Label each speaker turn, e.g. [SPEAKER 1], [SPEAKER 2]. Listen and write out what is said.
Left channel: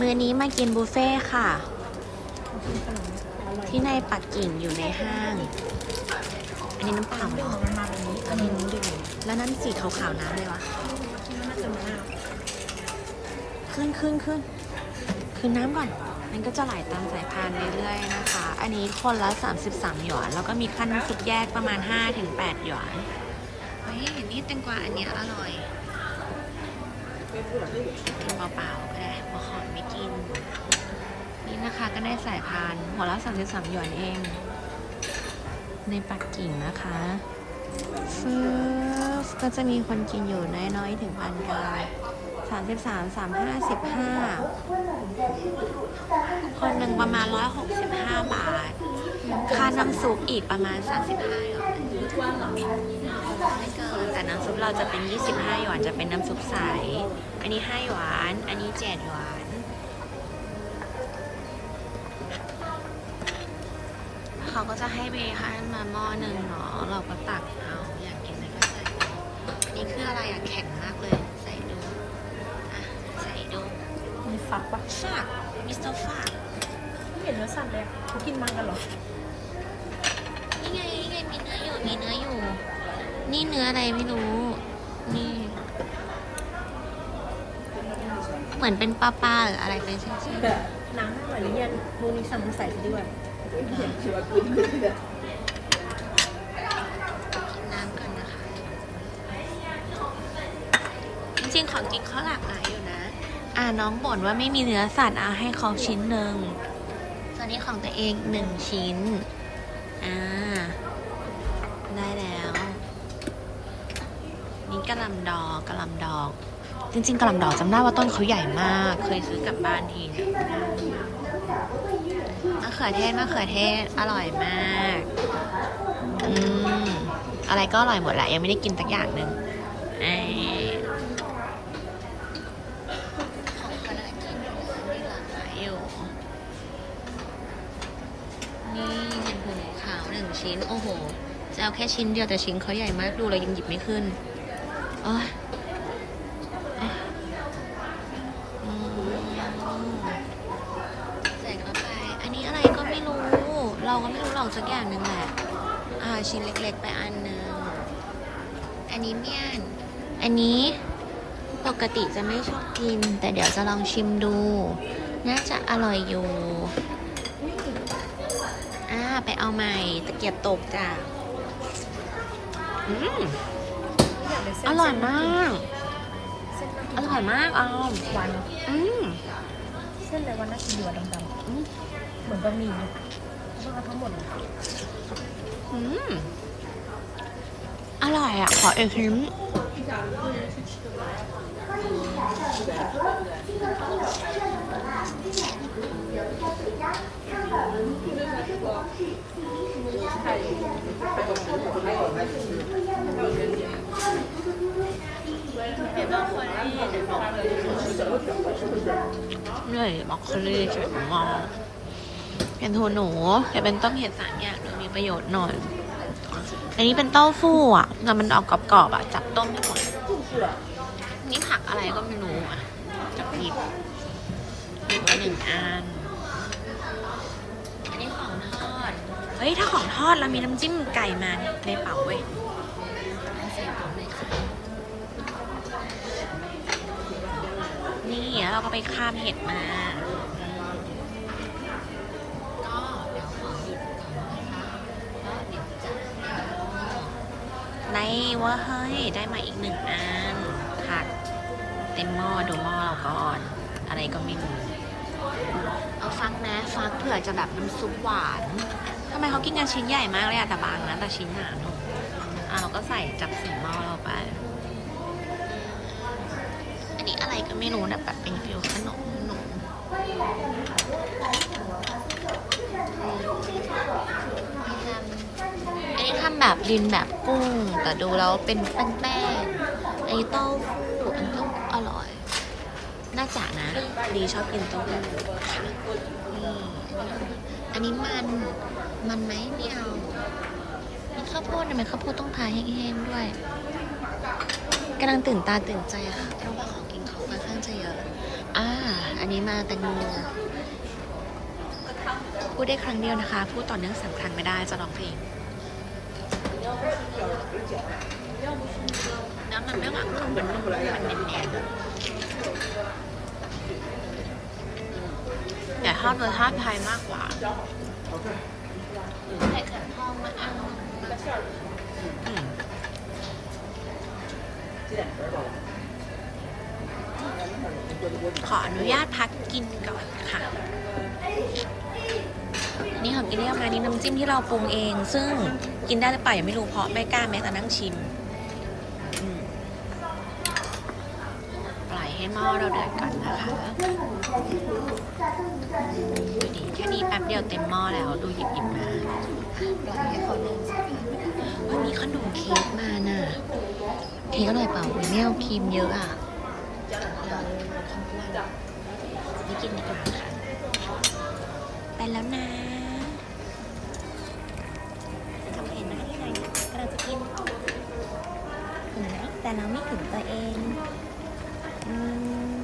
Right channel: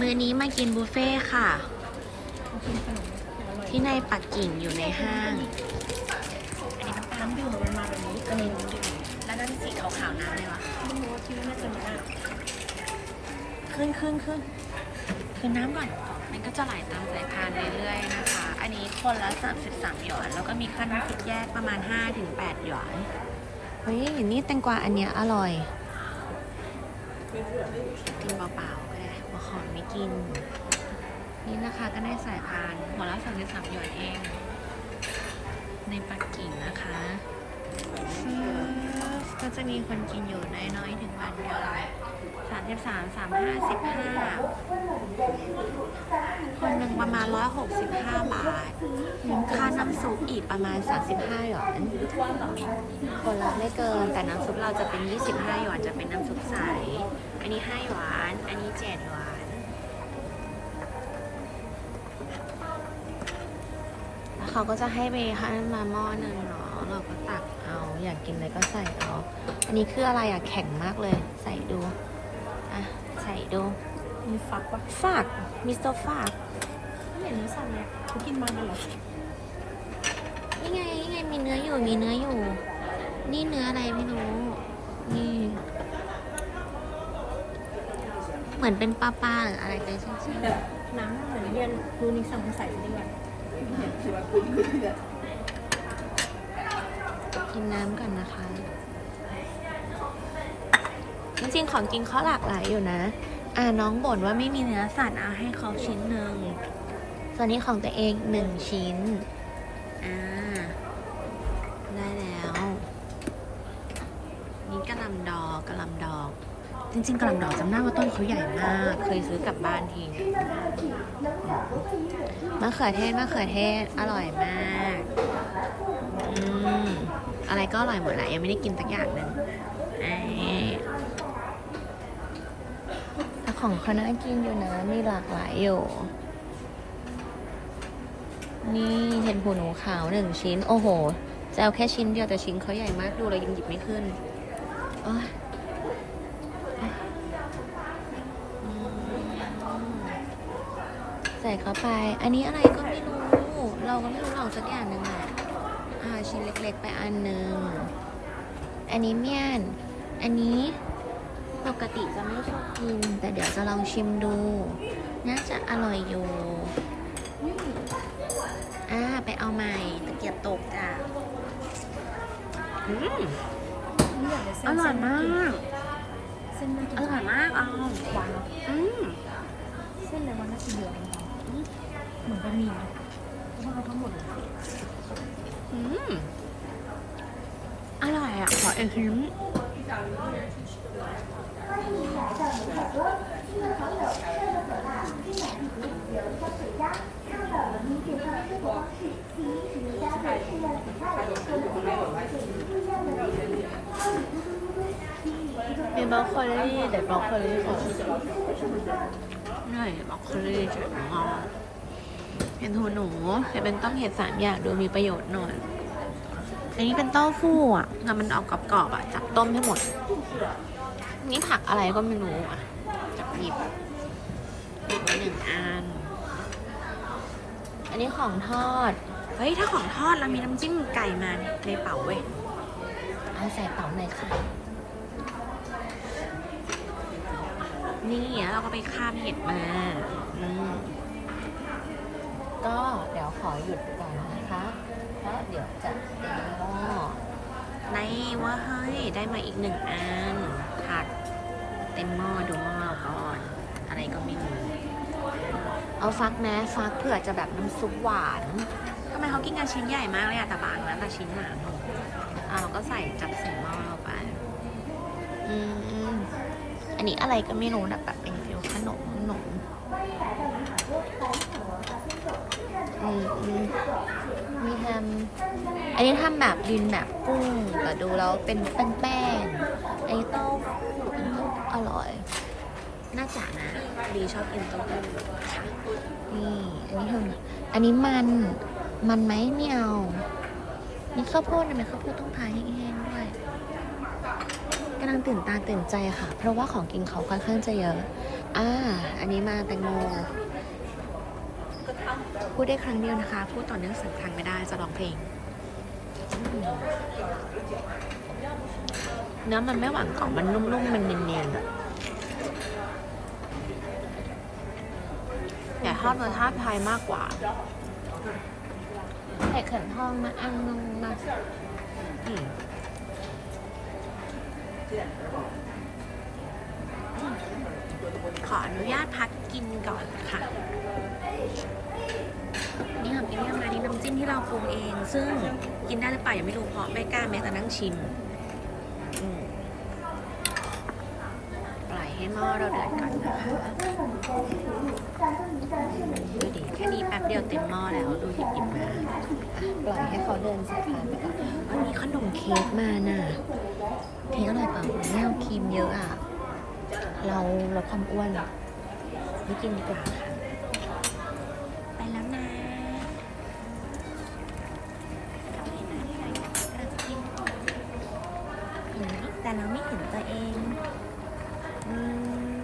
[SPEAKER 1] มื้อนี้มากินบุฟเฟ่ค่ะ ที่ในปักกิ่งอยู่ในห้างอันนี้น้ำเปล่าอันนี้น้ำดื่มแล้วนั่นสีขาวๆน้ำเลยวะขึ้นขึ้นขึ้นขึ้นน้ำก่อน มันก็จะไหลตามสายพานเรื่อยๆนะคะ อันนี้คนละ 33 หยวน แล้วก็มีขั้นคิดแยกประมาณ 5-8 หยวน เฮ้ย นี่แตงกวาอันเนี้ยอร่อย กินเปล่าๆก็ได้หัวหอยไม่กิน นี่นะคะก็ได้สายพานหัวละสามสองหยวนเองในปักกิ่งนะคะฟืบก็จะมีคนกินอยู่น้อยๆถึงพันกันสามสิบสามสามห้าสิบห้า คนหนึ่งประมาณร้อยหกสิบห้าบาท ค่าน้ำซุปอีกประมาณสามสิบห้าหยวนไม่เกิน แต่น้ำซุปเราจะเป็นยี่สิบห้าหยวนจะเป็นน้ำซุปใส อันนี้ห้าหยวน อันนี้เจ็ดหยวนเขาก็จะให้เบให้มาหม้อหนึ่งเนาะ เราก็ตักเอา อยากกินอะไรก็ใส่เอาอันนี้คืออะไรอะแข็งมากเลย ใส่ดู อะ ใส่ดู
[SPEAKER 2] มีฟักปะ
[SPEAKER 1] ฟากมิสเตอร์ฟาก
[SPEAKER 2] ไม่เห็นเนื้อสัตว์เลยเขากินมันกันเหรอ
[SPEAKER 1] นี่ไงนี่ไงมีเนื้ออยู่มีเนื้ออยู่ นี่เนื้ออะไรไม่รู้ นี่ เหมือนเป็นปลาปลาหรืออะไรเป็นเส้น
[SPEAKER 2] แบบน้ำเหมือนเรียนรูนิสัมใส่ไปด้วย
[SPEAKER 1] ๆกินน้ำก่อนนะคะ จริงๆของกินเขาหลากหลายอยู่นะ อ่าน้องบ่นว่าไม่มีเนื้อสัตว์เอาให้เขาชิ้นหนึ่ง ส่วนนี้ของตัวเองหนึ่งชิ้น อ่า ได้แล้ว นี่กระลำดอกกระลำดอก จริงๆกระลำดอกจำได้ว่าต้นเขาใหญ่มาก เคยซื้อกลับบ้านทีเนี่ยมะเขือเทศมะเขือเทศอร่อยมาก อืม อะไรก็อร่อยหมดแหละ ยังไม่ได้กินสักอย่างหนึ่งไอ้ของ เขาน่ากินอยู่นะมีหลากหลายอยู่นี่เห็นหูหนูขาวหนึ่งชิ้น โอ้โห จะเอาแค่ชิ้นเดียวแต่ชิ้นเขาใหญ่มากดูเลยยังหยิบไม่ขึ้นโอ้ยอะอืมใส่เข้าไป อันนี้อะไรก็ไม่รู้ เราก็ไม่รู้หรอกสักอย่างหนึ่งแหละอ่าชิ้นเล็กๆไปอันหนึ่งอันนี้เมี่ยน อันนี้ ปกติจะไม่ชอบกิน แต่เดี๋ยวจะลองชิมดู น่าจะอร่อยอยู่อ่าไปเอาใหม่ตะเกียบตกจ้ะอืมอร่อยมาก อร่อยมากออมอืม
[SPEAKER 2] เส้นในวันน่ากินหัวดำๆเหมือนบะหมี่มาทั้งหมด
[SPEAKER 1] อืมอร่อยอะ ขออีกชิ้น เป็นบรอกโคลีแต่บอคเหนื่อยบอกโคลีเฉยมาเป็นทูหนูแต่เป็นต้มเห็ดสามอย่างดูมีประโยชน์หน่อย อันนี้เป็นเต้าฟู่อะแต่มันออกกรอบๆอะ จับต้มให้หมด นี่ผักอะไรก็ไม่รู้อะ จับหยิบหยิบไปหนึ่งอัน อันนี้ของทอด เฮ้ย ถ้าของทอดเรามีน้ำจิ้มไก่มาเนี่ยในเป๋าเว้ยเอาใส่เป๋าเลยค่ะ นี่แล้วเราก็ไปคาบเห็ดมาอืมก็เดี๋ยวขอหยิบก่อนนะคะ เพราะเดี๋ยวจะใน ว่าเฮ้ยได้มาอีกหนึ่งอันผักเต็มหม้อดูหม้อเราก่อน อะไรก็ไม่รู้เอาฟักนะฟักเผื่อจะแบบน้ำซุปหวานทำไมเขากินกันชิ้นใหญ่มากเลยอะแต่บางนะแต่ชิ้นหนาหนุ่มอะเราก็ใส่จับใส่หม้อเราไปอันนี้อะไรก็ไม่รู้นะแบบเป็นฟิวขนมขนมอืมอืมมีทำ อันนี้ทำแบบดินแบบกุ้ง แต่ดูแล้วเป็นแป้งๆอันนี้เต้าหู้อันนี้เต้าหู้อร่อย น่าจะนะ ดีชอบกินเต้าหู้ค่ะอืมอันนี้ทำอันนี้มันมันไหมไม่เอามีข้าวโพดนะไหมข้าวโพดต้องทาแห้งๆด้วยกำลังตื่นตาตื่นใจค่ะ เพราะว่าของกินเขาค่อนข้างจะเยอะ อ่า อันนี้มาแตงโม พูดได้ครั้งเดียวนะคะ พูดต่อเนื่องสามครั้งไม่ได้จะร้องเพลง เนื้อมันไม่หวานกรอบมันนุ่มๆมันเนียนๆแบบอย่าทอดรสชาติไทยมากกว่าไข่เข็มทองมาอันนึงนะอืมขออนุญาตพักกินก่อนค่ะ น้ำจิ้มที่เราปรุงเอง ซึ่งกินได้หรือเปล่ายังไม่รู้เพราะไม่กล้าแม้แต่นั่งชิมปล่อยให้หม้อเราเดือดก่อนนะคะดูดิแค่นี้แป๊บเดียวเต็มหม้อแล้วดูหยิบหยิบมา
[SPEAKER 2] ปล่อยให้เขาเดินสักพัก
[SPEAKER 1] วันมีขนมเค้กมาน่ะเค้กอร่อยเปล่ามีแง่วครีมเยอะอะเราลดความอ้วนไม่กินดีกว่าค่ะ ไปแล้วนะ แต่เราไม่ถึงตัวเอง อืม